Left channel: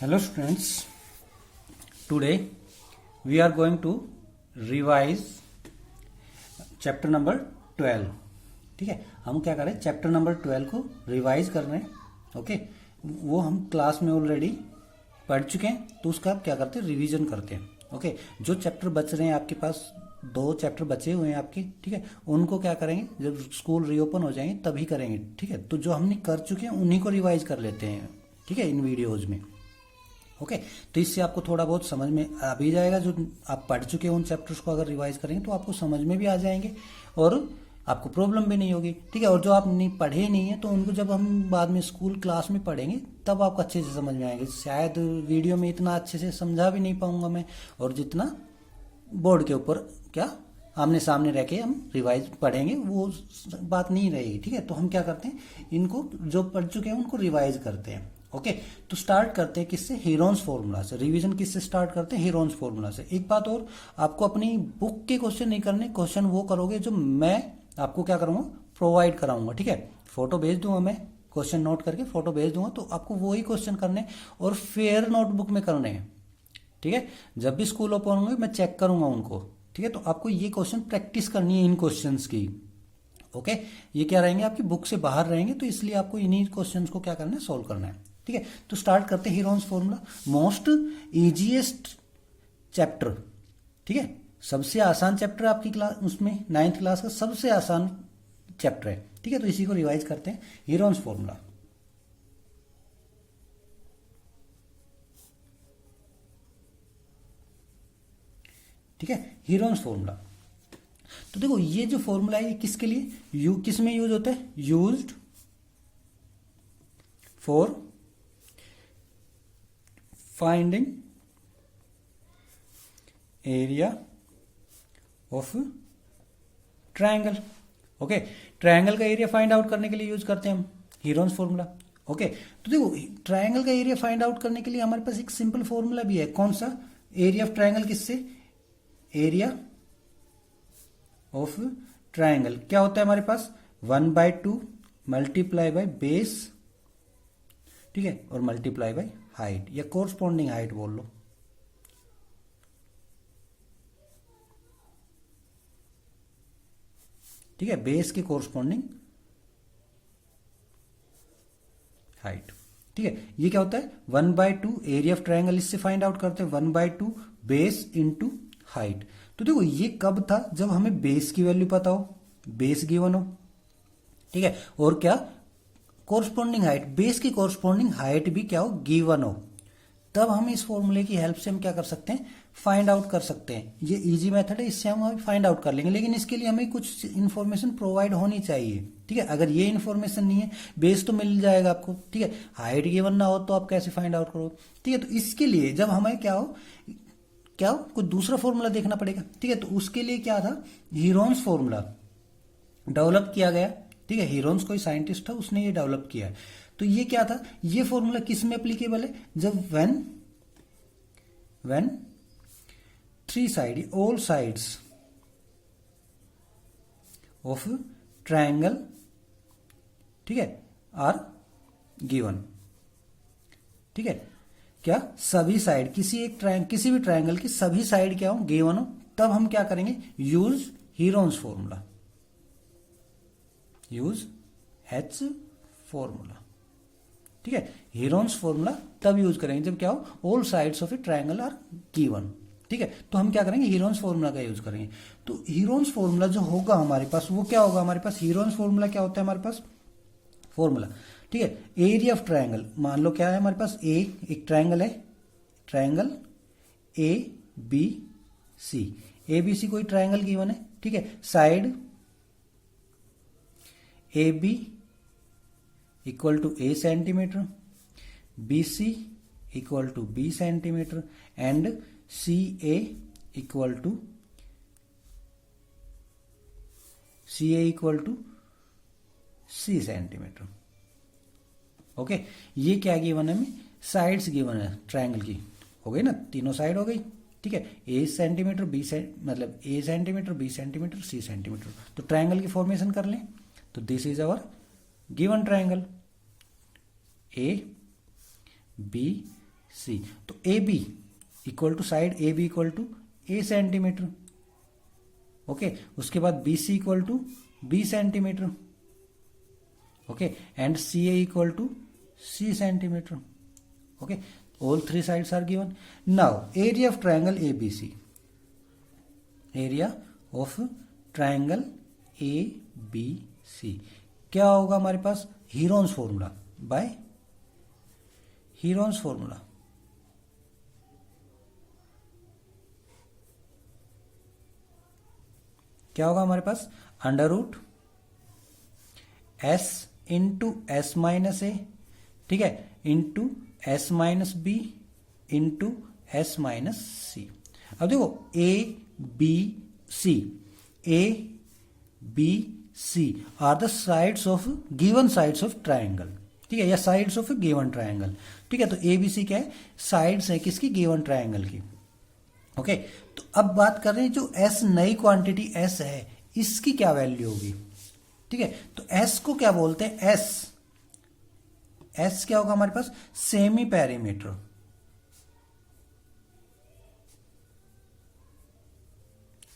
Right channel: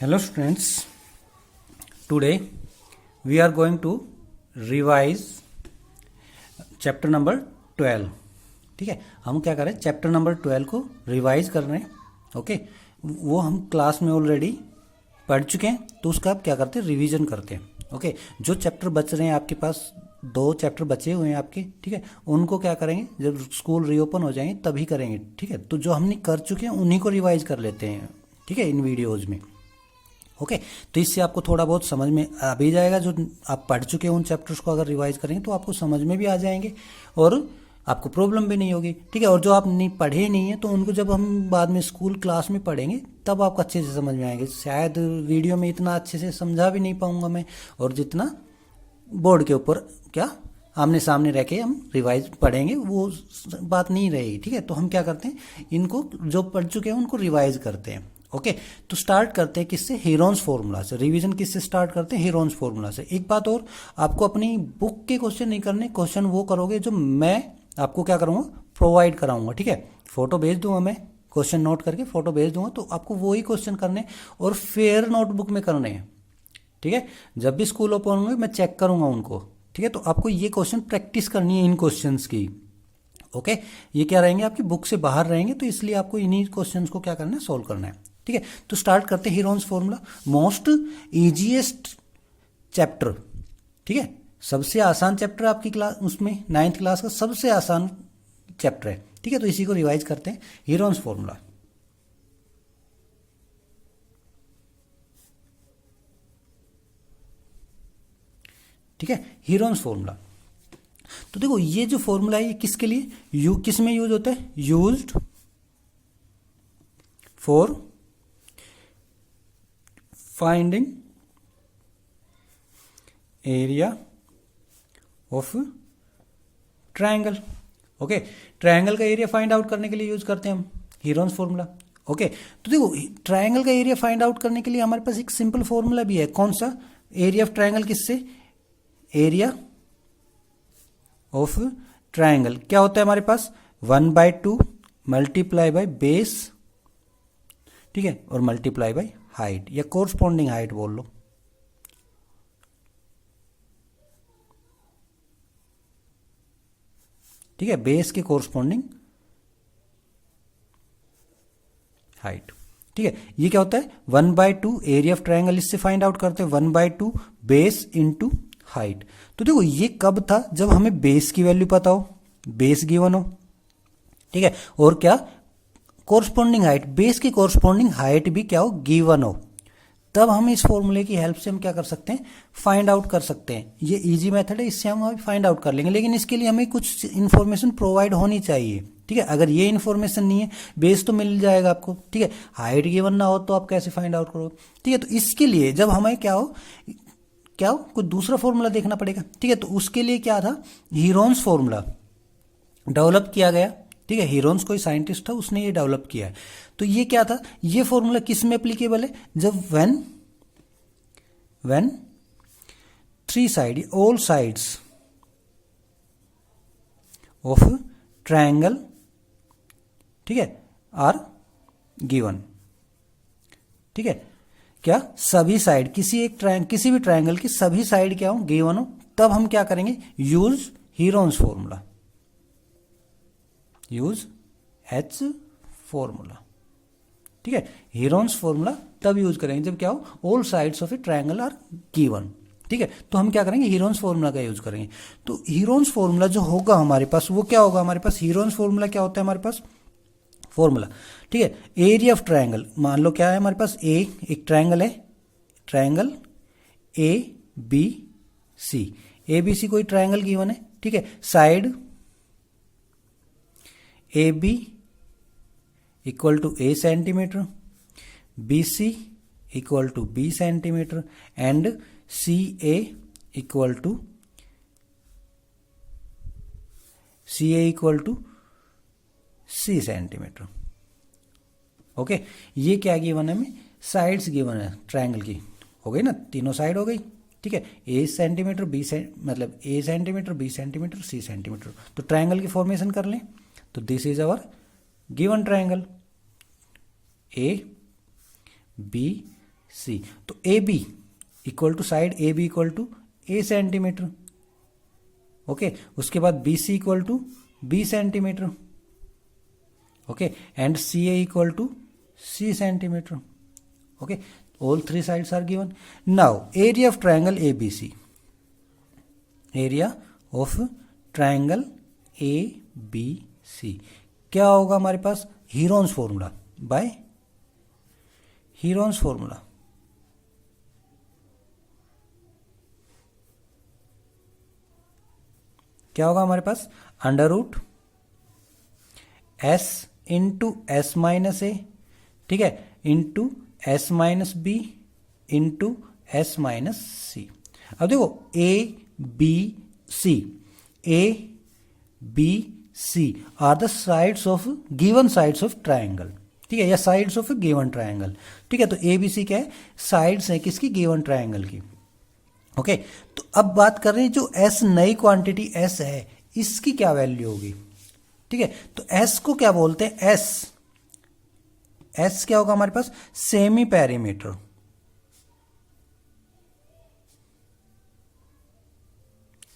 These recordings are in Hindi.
Hello students, today we are going to revise chapter number 12। ठीक है, हम क्या करें, चैप्टर नंबर 12 को रिवाइज कर रहे हैं। ओके, वो हम क्लास में ऑलरेडी पढ़ चुके हैं, तो उसका आप क्या करते हैं, रिवीजन करते हैं। ओके, जो चैप्टर बच रहे हैं आपके पास, 2 चैप्टर बचे हुए हैं आपके, ठीक है, उनको क्या करेंगे, जब स्कूल रीओपन हो जाएंगे तभी करेंगे। ठीक है, तो जो हमने कर चुके हैं उन्हीं को रिवाइज कर लेते हैं, ठीक है, इन वीडियोज़ में। ओके, तो इससे आपको थोड़ा बहुत समझ में आ भी जाएगा। जो आप पढ़ चुके हैं उन चैप्टर्स को अगर रिवाइज करेंगे तो आपको समझ में भी आ जाएंगे और आपको प्रॉब्लम भी नहीं होगी। ठीक है, और जो आप नहीं पढ़े नहीं है तो उनको जब हम बाद में स्कूल क्लास में पढ़ेंगे तब आपको अच्छे से समझ में आएंगे। शायद वीडियो में इतना अच्छे से समझा भी नहीं पाऊंगा मैं, और जितना बोर्ड के ऊपर क्या आमने सामने रह के हम रिवाइज पढ़ेंगे वो बात नहीं रहेगी। ठीक है, तो हम क्या करते हैं, इनको जो पढ़ चुके हैं उनको रिवाइज करते हैं। ओके, तो स्टार्ट करते हैं किससे, हीरोन्स फॉर्मूला से। रिवीजन किससे स्टार्ट करते हैं, हीरोन्स फॉर्मूला से। एक बात और, आपको अपनी बुक के क्वेश्चन नहीं करने, क्वेश्चन वो करोगे जो मैं आपको क्या करूँगा, प्रोवाइड कराऊंगा। ठीक है, फोटो भेज दूंगा मैं, क्वेश्चन नोट करके फोटो भेज दूंगा, तो आपको वही क्वेश्चन करने और फेयर नोटबुक में करने हैं। ठीक है, जब भी स्कूल ओपन होंगे मैं चेक करूंगा उनको। ठीक है, तो आपको ये क्वेश्चन प्रैक्टिस करनी है इन क्वेश्चंस की। ओके, ये क्या रहेंगे, आपकी बुक से बाहर रहेंगे, तो इसलिए आपको इन्हीं क्वेश्चंस को क्या करना है, सोल्व करना है। ठीक है, तो स्टार्ट करते हैं Heron's formula, most easiest chapter. ठीक है, सबसे आसान चैप्टर आपकी क्लास, उसमें 9th क्लास का सबसे आसान चैप्टर है। ठीक है, तो इसी को रिवाइज करते हैं, हीरोन्स फॉर्मूला। ठीक है, हीरोन्स फॉर्मूला। तो देखो ये जो फॉर्मूला है ये किसके लिए, किस में यूज होता है, used for finding area of triangle. Okay, triangle का एरिया फाइंड आउट करने के लिए यूज करते हैं हम हीरोन्स फॉर्मूला। ओके, तो देखो ट्रायंगल का एरिया फाइंड आउट करने के लिए हमारे पास एक सिंपल फॉर्मूला भी है। कौन सा, एरिया ऑफ ट्रायंगल किससे, एरिया ऑफ ट्रायंगल क्या होता है हमारे पास, 1/2 मल्टीप्लाई बाय बेस, ठीक है, और मल्टीप्लाई बाय हाइट या कोरस्पॉन्डिंग हाइट बोल लो। ठीक है, बेस के कोरस्पॉन्डिंग हाइट। ठीक है, ये क्या होता है, 1/2 एरिया ऑफ ट्रायंगल, इससे फाइंड आउट करते हैं 1/2 बेस इंटू हाइट। तो देखो ये कब था, जब हमें बेस की वैल्यू पता हो, बेस गिवन हो। ठीक है, और क्या, कोरस्पॉन्डिंग हाइट, बेस की कोरस्पॉन्डिंग हाइट भी क्या हो, गिवन हो, तब हम इस फॉर्मूले की हेल्प से हम क्या कर सकते हैं, फाइंड आउट कर सकते हैं। ये इजी मेथड है, इससे हम अभी फाइंड आउट कर लेंगे, लेकिन इसके लिए हमें कुछ इन्फॉर्मेशन प्रोवाइड होनी चाहिए। ठीक है, अगर ये इन्फॉर्मेशन नहीं है, बेस तो मिल जाएगा आपको, ठीक है, हाइट गिवन ना हो तो आप कैसे फाइंड आउट करोगे। ठीक है, तो इसके लिए जब हमें क्या हो कुछ दूसरा फॉर्मूला देखना पड़ेगा। ठीक है, तो उसके लिए क्या था, हीरोन्स फॉर्मूला डेवलप किया गया। ठीक है, हीरोन्स कोई साइंटिस्ट था, उसने ये डेवलप किया है। तो ये क्या था, ये फॉर्मूला किस में एप्लीकेबल है, जब when 3 side, all sides of triangle, ठीक है, आर गिवन। ठीक है, क्या, सभी साइड, किसी भी ट्रायंगल की सभी साइड क्या हो, गिवन हो, तब हम क्या करेंगे, use Heron's formula, use H formula. ठीक है, हीरोन्स फॉर्मूला तब यूज करेंगे जब क्या हो, all sides of a triangle are given. ठीक है, तो हम क्या करेंगे, हीरोन्स फॉर्मूला का यूज करेंगे। तो हीरोन्स फॉर्मूला जो होगा हमारे पास, वो क्या होगा, हमारे पास हीरोन्स फॉर्मूला क्या होता है, हमारे पास फॉर्मूला, ठीक है, एरिया ऑफ ट्रायंगल, मान लो क्या है हमारे पास, एक ट्रायंगल है, triangle A B C, A B C कोई ट्रायंगल गिवन है। ठीक है, side A B equal to A centimetre, B C equal to B centimetre, and C A equal to C centimetre. Okay, ये क्या गिवन है, हमें साइड्स गिवन है ट्रायंगल की, हो गई ना, तीनों साइड हो गई। ठीक है, ए सेंटीमीटर, मतलब a centimetre, b centimetre, c centimetre. तो ट्रायंगल की फॉर्मेशन कर लें, तो this is our given triangle, A B C. तो A B equal to side A B equal to A centimetre. Okay, उसके बाद B C equal to B centimetre. Okay, and C A equal to C centimetre. Okay, all three sides are given. Now area of triangle A B C, area of triangle A B C क्या होगा हमारे पास? Heron's formula, by Heron's formula. क्या होगा हमारे पास? Under root s into s minus a, ठीक है, into s minus b into s minus c. अब देखो a B C, A B c are the sides of given sides of triangle, ठीक है, या साइड्स ऑफ गिवन ट्राइंगल, ठीक है। तो ए बी सी क्या है? साइड्स है किसकी? गिवन ट्राइंगल की। ओके, तो अब बात कर रहे हैं जो एस नई क्वांटिटी एस है इसकी क्या वैल्यू होगी, ठीक है। तो एस को क्या बोलते हैं? एस, एस क्या होगा हमारे पास? सेमी पेरीमीटर,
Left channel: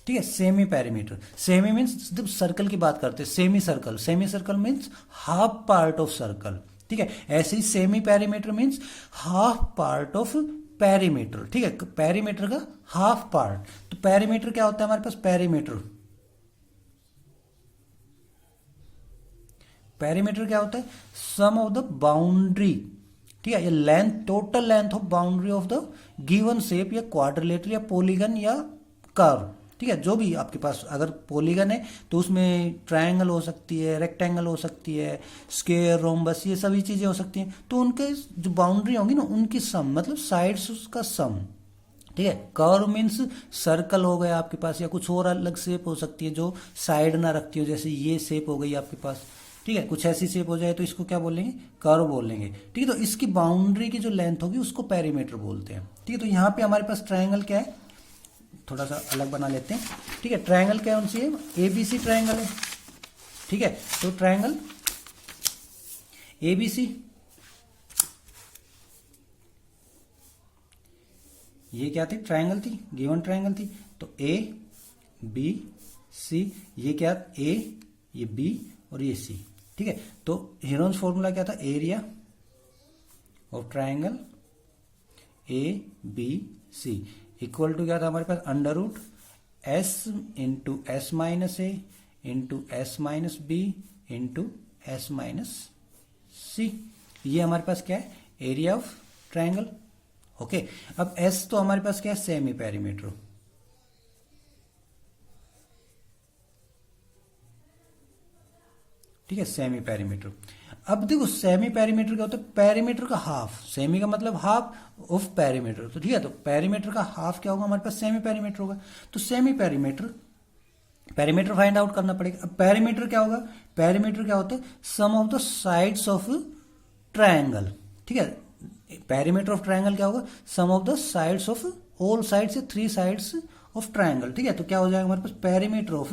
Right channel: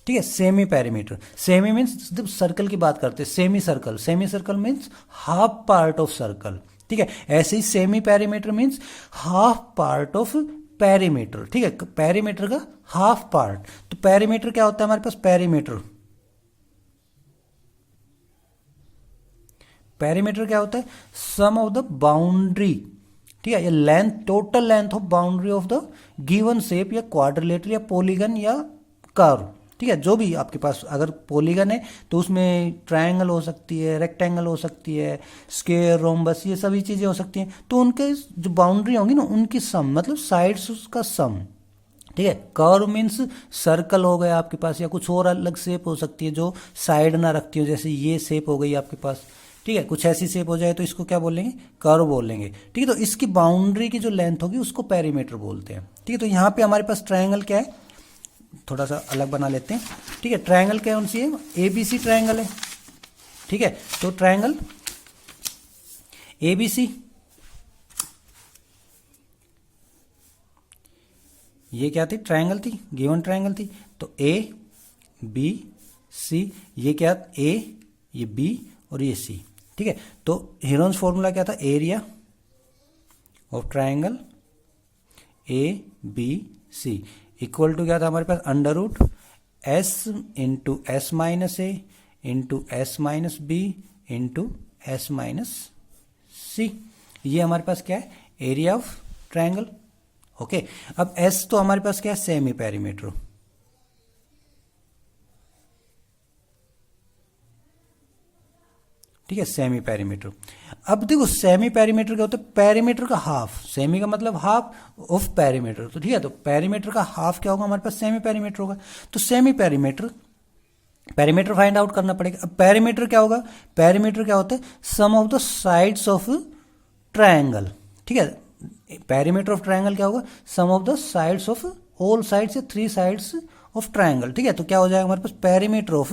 ठीक है, सेमी पेरीमीटर। सेमी मीन्स जब सर्कल की बात करते हैं, semi circle, semi circle means half part of circle, ठीक है। ऐसे ही semi perimeter means half part of perimeter, ठीक है, पेरीमीटर का हाफ पार्ट। तो पेरीमीटर क्या होता है हमारे पास? पेरीमीटर, पेरीमीटर क्या होता है? सम ऑफ द बाउंड्री, ठीक है, ये length, total length of boundary of the given shape या क्वाड्रिलेटरल या पॉलीगन या कर्व, ठीक है। जो भी आपके पास, अगर पॉलीगन है तो उसमें ट्रायंगल हो सकती है, रेक्टेंगल हो सकती है, स्क्वायर, रोम्बस, ये सभी चीजें हो सकती हैं। तो उनके जो बाउंड्री होंगी ना उनकी सम, मतलब साइड्स का सम, ठीक है। कर्व मीन्स सर्कल हो गया आपके पास, या कुछ और अलग शेप हो सकती है जो साइड ना रखती हो, जैसे ये शेप हो गई आपके पास, ठीक है। कुछ ऐसी शेप हो जाए तो इसको क्या बोलेंगे? कर्व बोलेंगे, ठीक है। तो इसकी बाउंड्री की जो लेंथ होगी उसको पेरीमीटर बोलते हैं, ठीक है। तो यहाँ पे हमारे पास ट्रायंगल क्या है, थोड़ा सा अलग बना लेते हैं, ठीक है। ट्रायंगल क्या कौन सी है? एबीसी ट्रायंगल है, ठीक है। तो ट्रायंगल एबीसी, ये क्या थी? ट्रायंगल थी, गिवन ट्रायंगल थी। तो ए बी सी, ये क्या? ए, ये बी और ये सी, ठीक है। तो हीरोन्स फॉर्मूला क्या था? Area of triangle A B C equal to क्या था हमारे पास? Under root s into s minus a into s minus b into s minus c. ये हमारे पास क्या है? Area of triangle. ओके, अब एस तो हमारे पास क्या है? सेमी पेरीमीटर, ठीक है, सेमी पेरीमीटर। अब देखो सेमी पेरीमीटर क्या होता है? पेरीमीटर का हाफ, सेमी का मतलब हाफ ऑफ पेरीमीटर, तो ठीक है। तो पेरीमीटर का हाफ क्या होगा हमारे पास? सेमी पेरीमीटर होगा। तो semi perimeter, perimeter find out करना पड़ेगा। अब पेरीमीटर क्या होगा? पेरीमीटर क्या होता है? Sum of the sides of triangle, ठीक है। पेरीमीटर ऑफ ट्रायंगल क्या होगा? Sum of the sides of all sides, three sides of triangle, ठीक है। तो क्या हो जाएगा हमारे पास? Perimeter of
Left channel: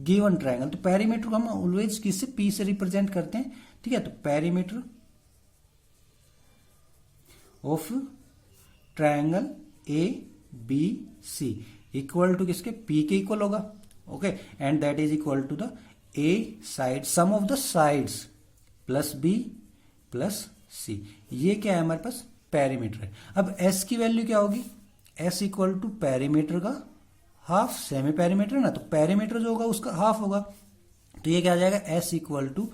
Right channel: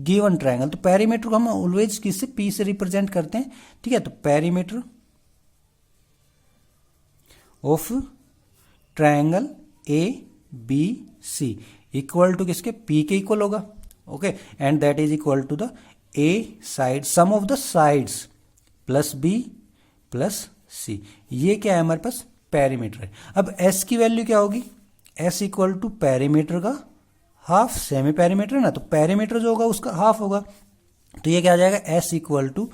given triangle. तो पेरीमीटर को हम ऑलवेज किससे? पी से रिप्रेजेंट करते हैं, ठीक है। तो perimeter of triangle A B C equal to किसके? पी के इक्वल होगा, okay. And that is equal to the A side, sum of the sides plus B plus C. ये क्या है हमारे पास? पेरीमीटर है। अब एस की वैल्यू क्या होगी? एस इक्वल टू पेरीमीटर का हाफ, सेमी पेरीमीटर है ना, तो पेरीमीटर जो होगा उसका हाफ होगा। तो ये क्या आ जाएगा? S equal to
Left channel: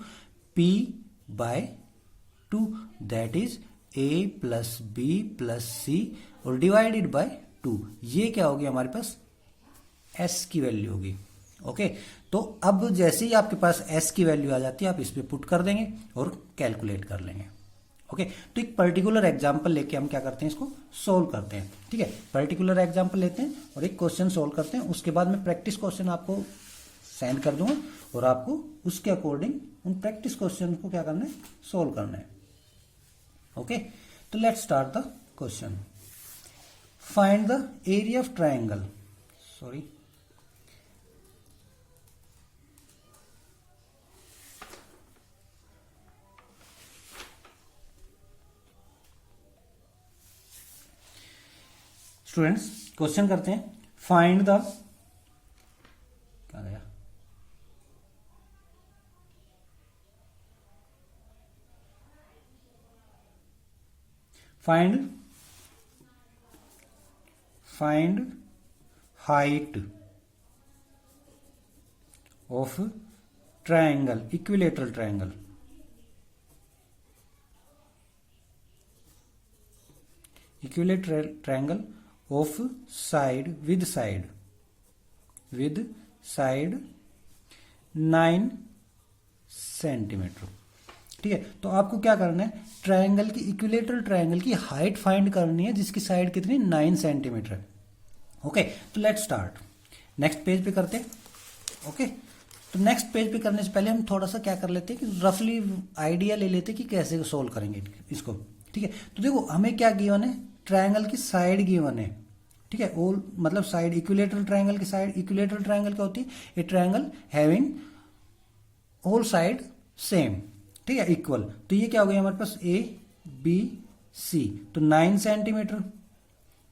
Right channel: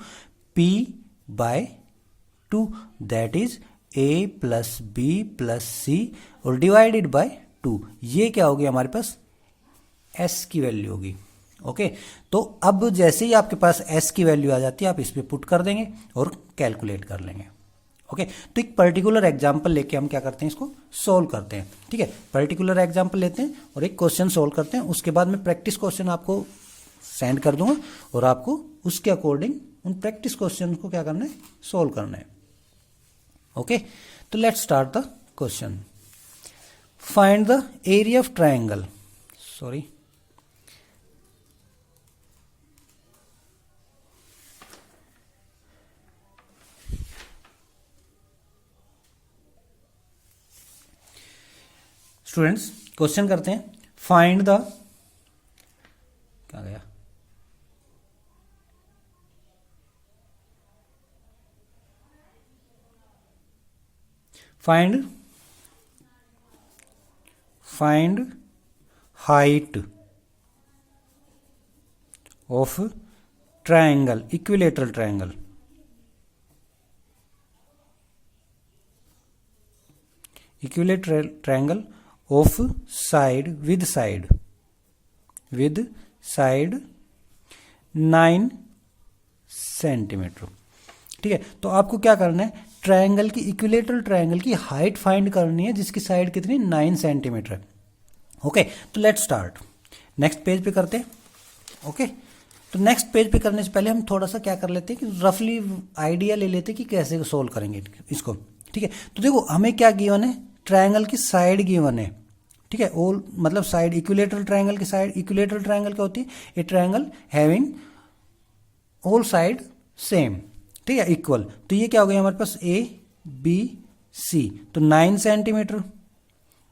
P by two, that is A plus B plus C और डिवाइडेड बाय टू। ये क्या होगी हमारे पास? एस की वैल्यू होगी, ओके। तो अब जैसे ही आपके पास एस की वैल्यू आ जाती है आप इस पे पुट कर देंगे और कैलकुलेट कर लेंगे, ओके। तो एक पर्टिकुलर एग्जांपल लेके हम क्या करते हैं? इसको सोल्व करते हैं, ठीक है। पर्टिकुलर एग्जांपल लेते हैं और एक क्वेश्चन सोल्व करते हैं। उसके बाद में प्रैक्टिस क्वेश्चन आपको सेंड कर दूंगा और आपको उसके अकॉर्डिंग उन प्रैक्टिस क्वेश्चन को क्या करना है? सोल्व करना है, ओके। तो let's start the question. Find the area of triangle, sorry, students question करते हैं, फाइंड द, क्या गया, find height of triangle, equilateral triangle, equilateral triangle of side with side 9 centimetre. ठीक है, तो आपको क्या करना है, ट्रायंगल की, इक्विलेटरल ट्रायंगल की हाइट फाइंड करनी है जिसकी साइड कितनी, 9 सेंटीमीटर है। ओके, तो लेट स्टार्ट, नेक्स्ट पेज पे करते हैं। ओके, तो नेक्स्ट पेज पे करने से पहले हम थोड़ा सा क्या कर लेते हैं कि रफली आइडिया ले लेते हैं कि कैसे सोल्व करेंगे इसको। ठीक है, तो देखो हमें क्या गिवन है, ट्रायंगल की साइड गिवन है। ठीक है, ऑल मतलब साइड, इक्विलेटरल ट्रायंगल की साइड, इक्विलेटरल ट्रायंगल क्या होती है, ए triangle having all side same, ठीक है, इक्वल। तो ये क्या हो गया हमारे पास, ए बी सी, तो 9 सेंटीमीटर।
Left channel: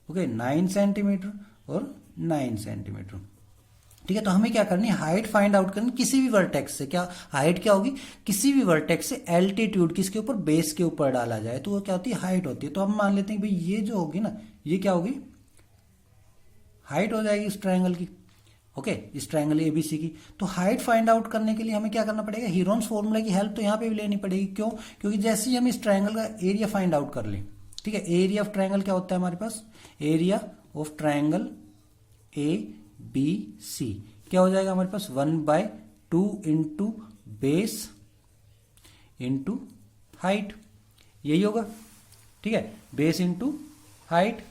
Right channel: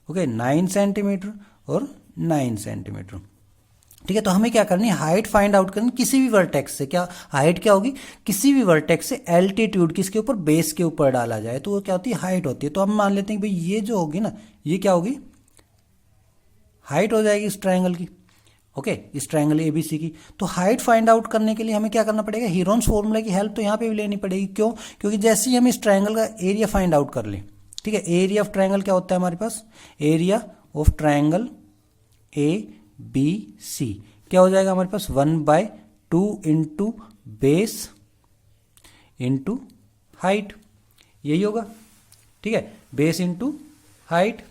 ओके, 9 सेंटीमीटर और 9 सेंटीमीटर। ठीक है, तो हमें क्या करनी है, हाइट फाइंड आउट करनी किसी भी वर्टेक्स से। क्या हाइट क्या होगी, किसी भी वर्टेक्स से एल्टीट्यूड किसके ऊपर, बेस के ऊपर डाला जाए तो वो क्या होती है, हाइट होती है। तो हम मान लेते हैं कि भाई ये जो होगी ना, ये क्या होगी, हाइट हो जाएगी इस ट्रायंगल की। ओके, इस ट्रायंगल एबीसी की। तो हाइट फाइंड आउट करने के लिए हमें क्या करना पड़ेगा, हीरोन्स फॉर्मूला की हेल्प तो यहाँ पे भी लेनी पड़ेगी। क्यों, क्योंकि जैसे ही हम इस ट्रायंगल का एरिया फाइंड आउट कर लें, ठीक है, एरिया ऑफ ट्रायंगल क्या होता है हमारे पास, area of triangle A B C क्या हो जाएगा हमारे पास, 1/2 इंटू बेस इंटू हाइट, यही होगा। ठीक है, बेस इंटू हाइट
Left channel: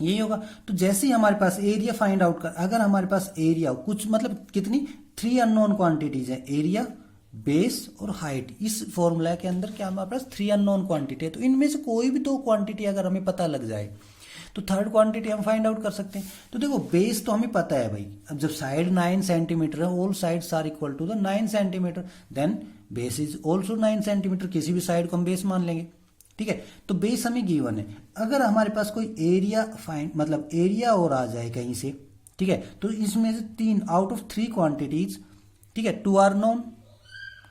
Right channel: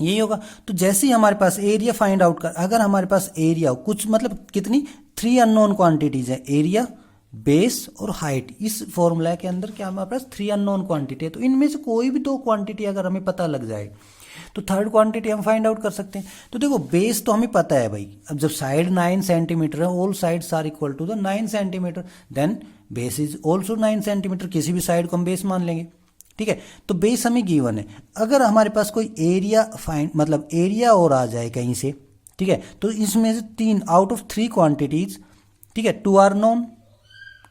यही होगा। तो जैसे ही हमारे पास एरिया फाइंड आउट कर, अगर हमारे पास एरिया कुछ मतलब कितनी, 3 अननोन क्वांटिटीज है, एरिया, बेस और हाइट। इस फॉर्मूला के अंदर क्या हमारे पास 3 अननोन क्वांटिटी है। तो इनमें से कोई भी 2 क्वांटिटी अगर हमें पता लग जाए तो थर्ड क्वांटिटी हम फाइंड आउट कर सकते हैं। तो देखो बेस तो हमें पता है भाई, अब जब साइड 9 सेंटीमीटर है, all sides are equal to the 9 centimetre, then base is also 9 centimetre, किसी भी साइड को हम बेस मान लेंगे। ठीक है, तो बेस हमें गिवन है। अगर हमारे पास कोई एरिया फाइंड मतलब एरिया और आ जाए कहीं से, ठीक है, तो इसमें से 3 आउट ऑफ 3 क्वांटिटीज, ठीक है, 2 आर नोन।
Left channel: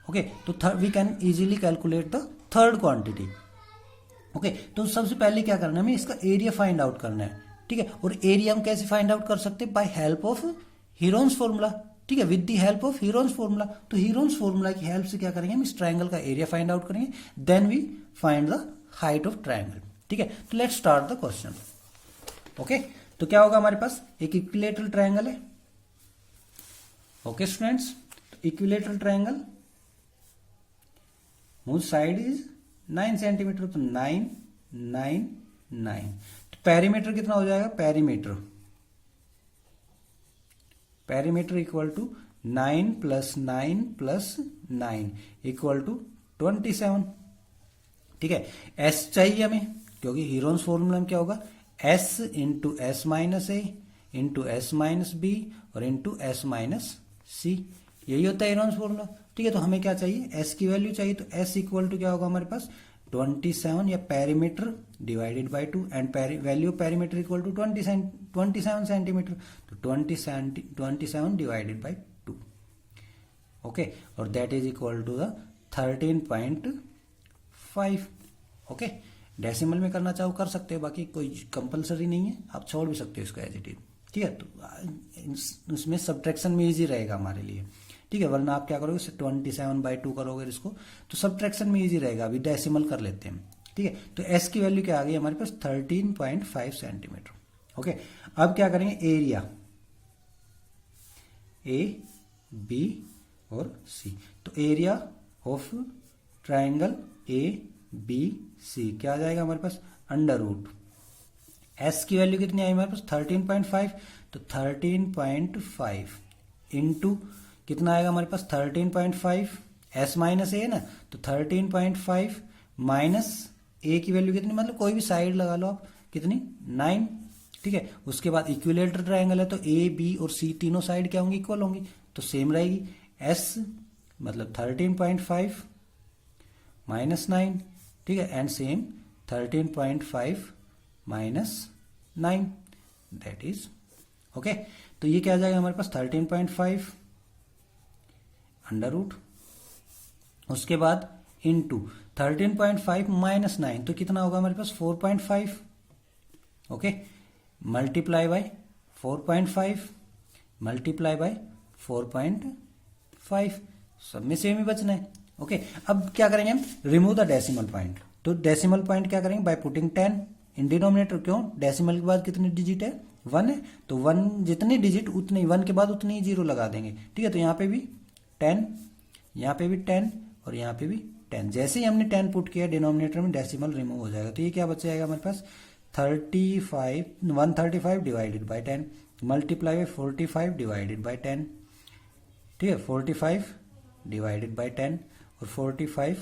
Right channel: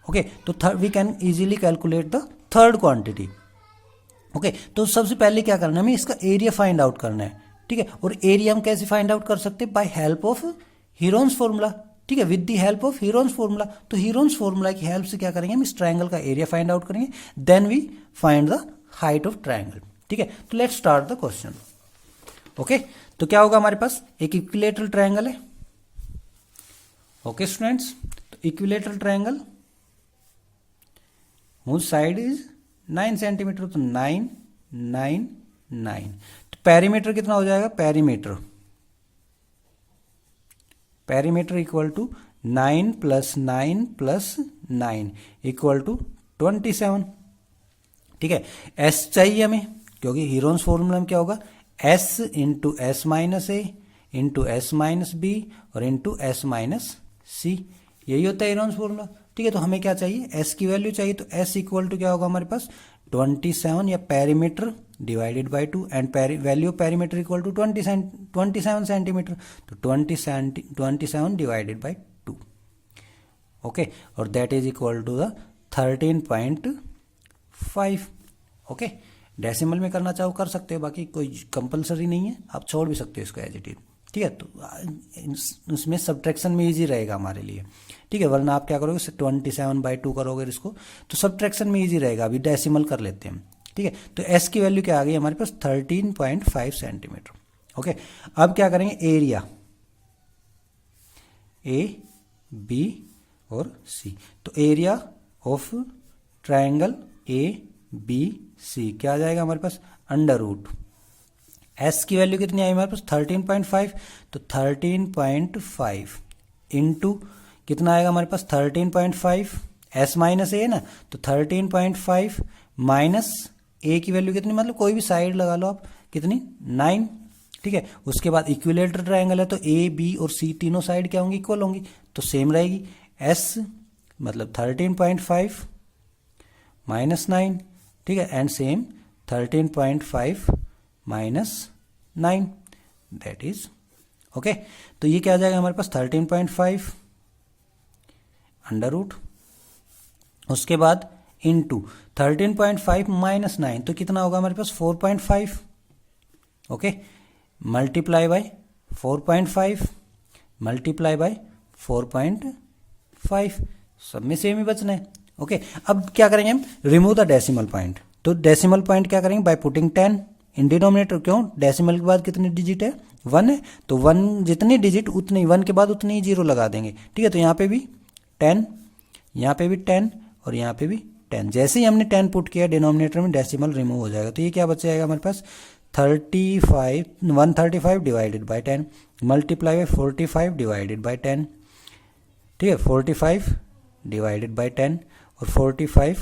ओके, तो we can easily calculate the third quantity. Okay, तो सबसे पहले क्या करना है, हमें इसका एरिया फाइंड आउट करना है। ठीक है, और एरिया हम कैसे फाइंड आउट कर सकते हैं, by help of Heron's formula. ठीक है, with the help of Heron's formula. तो हीरोन्स फॉर्मूला की हेल्प से क्या करेंगे, हम इस ट्रायंगल का एरिया फाइंड आउट करेंगे, then we find the height of triangle. ठीक है, तो let's start the question. Okay, तो क्या होगा हमारे पास, एक इक्विलेटरल ट्रायंगल है। Okay students, equilateral triangle whose side is 9 centimetre, तो 9 9 9। तो पेरीमीटर कितना हो जाएगा, perimeter equal to 9 + 9 + 9 equal to 27। ठीक है, एस चाहिए हमें, क्योंकि हीरोन्स फॉर्मूला में क्या होगा, S into s minus a into s minus B और इंटू एस माइनस सी, यही होता है हीरोन्स फॉर्मूला। ठीक है, तो हमें क्या चाहिए, एस की वैल्यू चाहिए। तो एस इक्वल टू क्या होगा हमारे पास, 27 या perimeter divided by 2 and value of perimeter equal to 27 centimetre. तो 27 डिवाइडेड बाय 2। ओके, और that is equal to the 13.5। Okay, decimal में करना चाहो कर सकते हो, बाकी कोई कंपलसरी नहीं है, आप छोड़ भी सकते हो इसको एज इट इज। ठीक है, तो इसमें सब्ट्रैक्शन में इजी रहेगा हमारे लिए। ठीक है, वरना आप क्या करोगे, 27/2 करोगे इसको, तो सब्ट्रैक्शन में इजी रहेगा। अभी डेसिमल कर लेते हैं। ठीक है, तो एस की वैल्यू क्या आ गई हमारे पास, 13.5 सेंटीमीटर। ओके, अब क्या करेंगे, एरिया ए बी और सी। तो area of triangle A B C क्या आ जाएगा हमारे पास, √। एस की वैल्यू कितनी आई हमारे पास, 13.5। तो 13.5 इंटू कितना आएगा हमारे पास, 13.5, एस माइनस ए है ना, तो 13.5 माइनस ए की वैल्यू कितनी, मतलब कोई भी साइड लगा लो आप, कितनी, 9। ठीक है, उसके बाद इक्विलेटरल ट्रायंगल है, तो ए बी और सी तीनों साइड क्या होंगी, इक्वल होंगी, तो सेम रहेगी। एस मतलब 13.5 माइनस 9, ठीक है, and same 13.5 minus 9, that is okay. तो ये क्या आ जाएगा हमारे पास 13.5 अंडर रूट, उसके बाद इंटू 13.5 माइनस 9 तो कितना होगा हमारे पास 4.5, okay, multiply by 4.5 multiply by 4.5, सब में सेम ही बचना है, ओके। अब क्या करेंगे हम, रिमूव द डेसिमल पॉइंट। तो डेसिमल पॉइंट क्या करेंगे, बाय पुटिंग 10 इन डिनोमिनेटर। क्यों, डेसिमल के बाद कितने डिजिट है, 1 है, तो 1 जितनी डिजिट उतनी, 1 के बाद उतनी ही जीरो लगा देंगे, ठीक है। तो यहाँ पे भी 10, यहाँ पे भी 10 और यहाँ पे भी 10। जैसे ही हमने 10 पुट किया डिनोमिनेटर में, डेसिमल रिमूव हो जाएगा। तो ये क्या बच जाएगा हमारे पास 135 divided by 10 multiply by 45 divided by 10, ठीक है, 45 डिवाइडेड बाई 10 और 45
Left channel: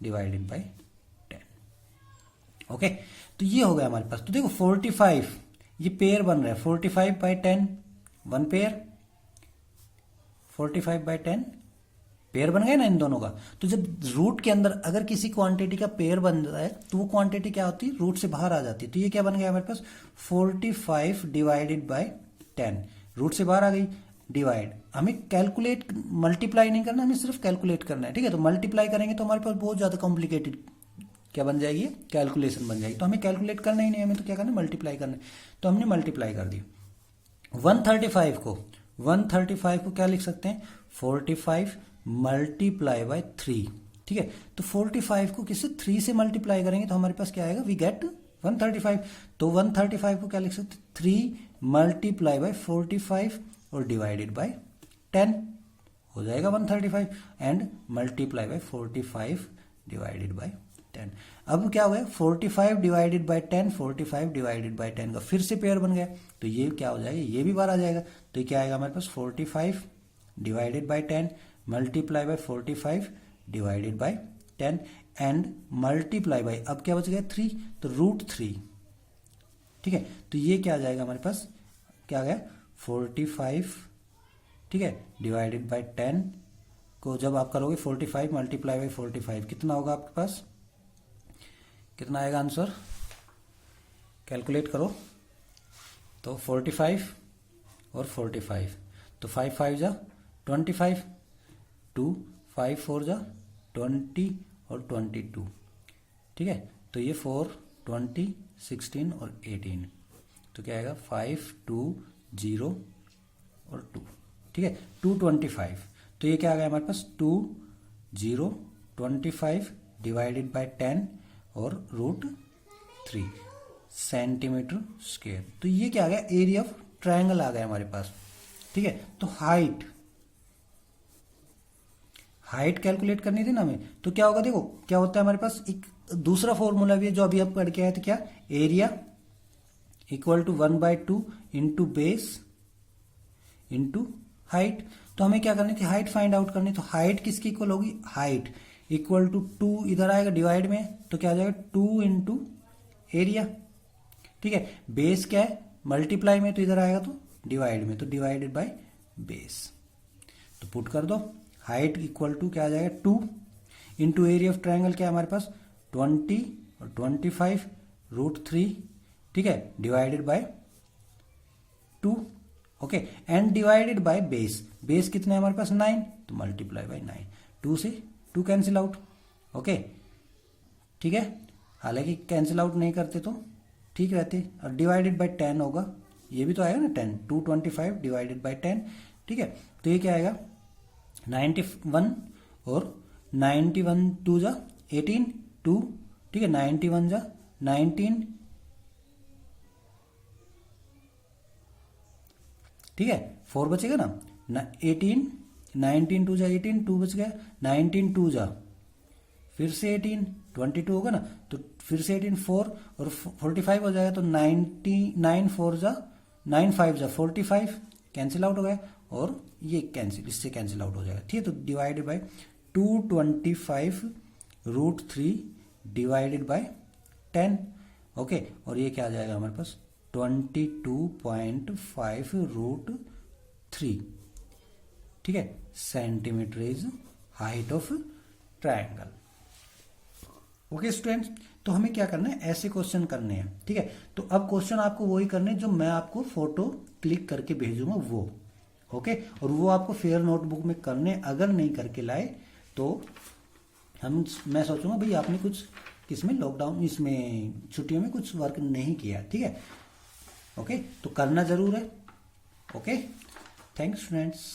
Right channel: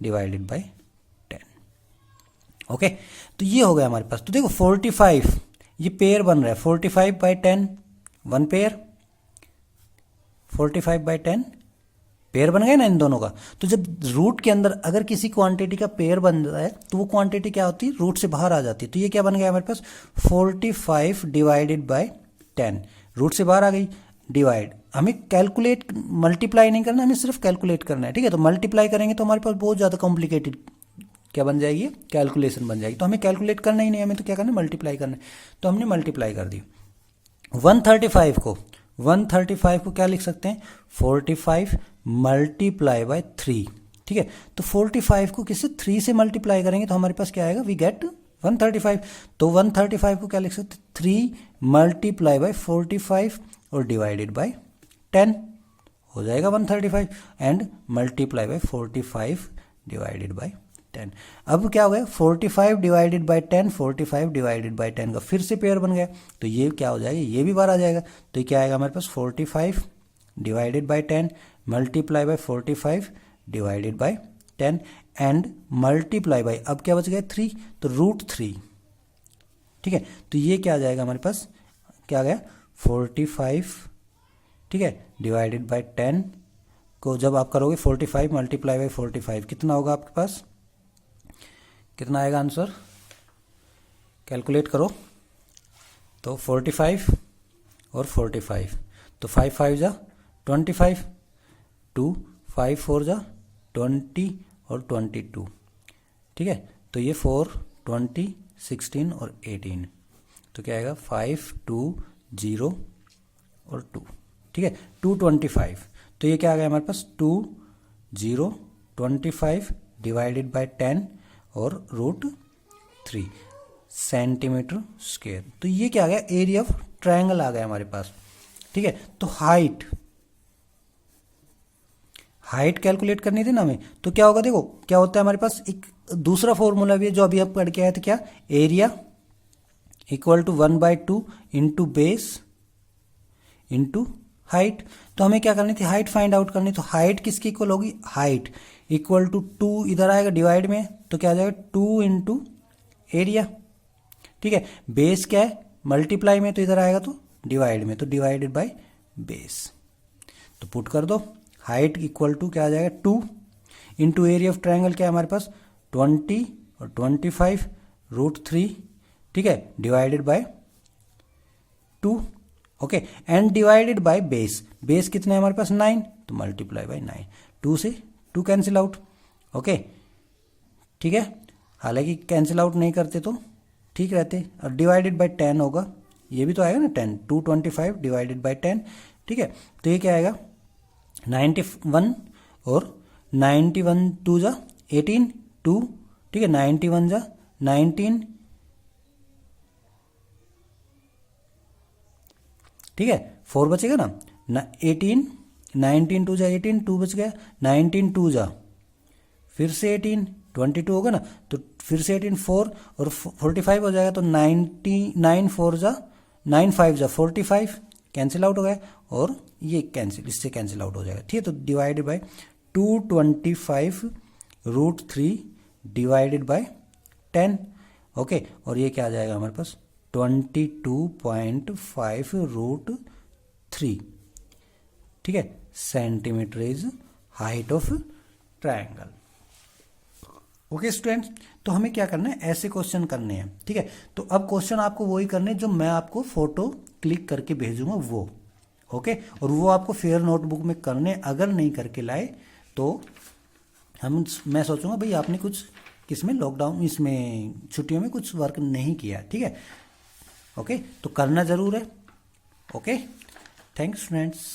डिवाइडेड बाई 10, ओके। तो ये हो गया हमारे पास। तो देखो 45 ये पेयर बन रहा है, 45 by 10 one pair, 45 by 10 pair बन गया ना इन दोनों का। तो जब रूट के अंदर अगर किसी क्वांटिटी का पेयर बन रहा है तो वो क्वांटिटी क्या होती है, रूट से बाहर आ जाती है। तो ये क्या बन गया हमारे पास 45 डिवाइडेड बाय 10, रूट से बाहर आ गई, डिवाइड, हमें कैलकुलेट मल्टीप्लाई नहीं करना, हमें सिर्फ कैलकुलेट करना है, ठीक है। तो मल्टीप्लाई करेंगे तो हमारे पास बहुत ज़्यादा कॉम्प्लिकेटेड क्या बन जाएगी, कैलकुलेशन बन जाएगी। तो हमें कैलकुलेट करना ही नहीं, हमें तो क्या करना है, मल्टीप्लाई करना है। तो हमने मल्टीप्लाई कर दी। 135 को क्या लिख सकते हैं, 45 मल्टीप्लाई बाय 3, ठीक है। तो 45 को किससे, 3 से मल्टीप्लाई करेंगे तो हमारे पास क्या आएगा, वी गेट 135। तो 135 को क्या लिख सकते हैं, 3 मल्टीप्लाई बाय 45 और डिवाइडेड बाय 10 हो जाएगा 135 and multiply by 45 divided by 10। अब क्या हो गया, 45 डिवाइडेड बाय 10, 45 डिवाइडेड बाय 10 का फिर से पेयर बन गया। तो ये क्या हो जाएगा, ये भी बार आ जाएगा। तो क्या आएगा हमारे पास 45 divided by 10 multiply by 45 divided by 10 and multiply by, अब क्या बच गया 3, तो √3, ठीक है। तो ये क्या आ जाएगा हमारे पास, क्या आ गया 45, ठीक है, डिवाइडेड बाय 10 को जब आप करोगे 45 मल्टीप्लाई बाय 45 कितना होगा आपके पास, कितना आएगा आंसर, कैलकुलेट करो। तो 45 और 45, तो 5 5 जा 25, 2 5 4 जा 20 और 22, ठीक है। तो ये 4 20 16 और 18, तो क्या आएगा 5 2 0 और 2, ठीक है, 225। तो ये क्या आ गया हमारे पास 2 0 25 डिवाइडेड बाय 10 और √3 सेंटीमीटर स्क्वायर। तो ये क्या आ गया, एरिया ऑफ ट्रायंगल आ गया हमारे पास, ठीक है। तो हाइट कैलकुलेट करनी थी ना हमें, तो क्या होगा, देखो क्या होता है हमारे पास एक दूसरा फॉर्मूला भी है जो अभी आप पढ़ के आए थे, क्या, area equal to 1/2 into base into height. तो हमें क्या करनी थी, हाइट फाइंड आउट करनी। तो हाइट किसकी इक्वल होगी, हाइट इक्वल टू 2 इधर आएगा डिवाइड में, तो क्या आ जाएगा 2 इंटू एरिया, ठीक है। बेस क्या है, मल्टीप्लाई में, तो इधर आएगा तो डिवाइड में, तो डिवाइडेड बाय बेस। तो पुट कर दो, हाइट इक्वल टू क्या आ जाएगा 2 इंटू एरिया ऑफ ट्रायंगल क्या है हमारे पास 20 और 25 √3, ठीक है, divided by 2, okay, and divided by base. Base कितना है हमारे पास 9, तो मल्टीप्लाई बाय 9, 2 से 2 कैंसिल आउट, ओके, ठीक है। हालांकि कैंसिल आउट नहीं करते तो ठीक रहते, और डिवाइडेड बाय 10 होगा, ये भी तो आएगा ना 10, 225 डिवाइडेड बाय 10, ठीक है। तो ये क्या आएगा 91 और 91 2 जा 18 2, ठीक है, 91 जा 19, ठीक है, 4 बचेगा ना 18, 19 2 जा 18, 2 बच गया, 19 2 जा फिर से 18, 22 होगा ना, तो फिर से 18 4 और 45 हो जाएगा, तो 99 4 जा 9 5 जा 45 कैंसिल आउट हो गया, और ये कैंसिल, इससे कैंसिल आउट हो जाएगा, ठीक है। तो divided by 225 √3 divided by 10, okay, और ये क्या आ जाएगा हमारे पास 22.5 √3, ठीक है, centimetre is height of triangle. Okay students, तो हमें क्या करना है, ऐसे क्वेश्चन करने हैं, ठीक है। तो अब क्वेश्चन आपको वही करने जो मैं आपको फोटो क्लिक करके भेजूंगा वो, ओके। और वो आपको फेयर नोटबुक में करने, अगर नहीं करके लाए तो मैं सोचूंगा भाई आपने कुछ किसमें लॉकडाउन इसमें छुट्टियों में कुछ वर्क नहीं किया, ठीक है। ओके, तो करना जरूर है। Okay, thanks friends.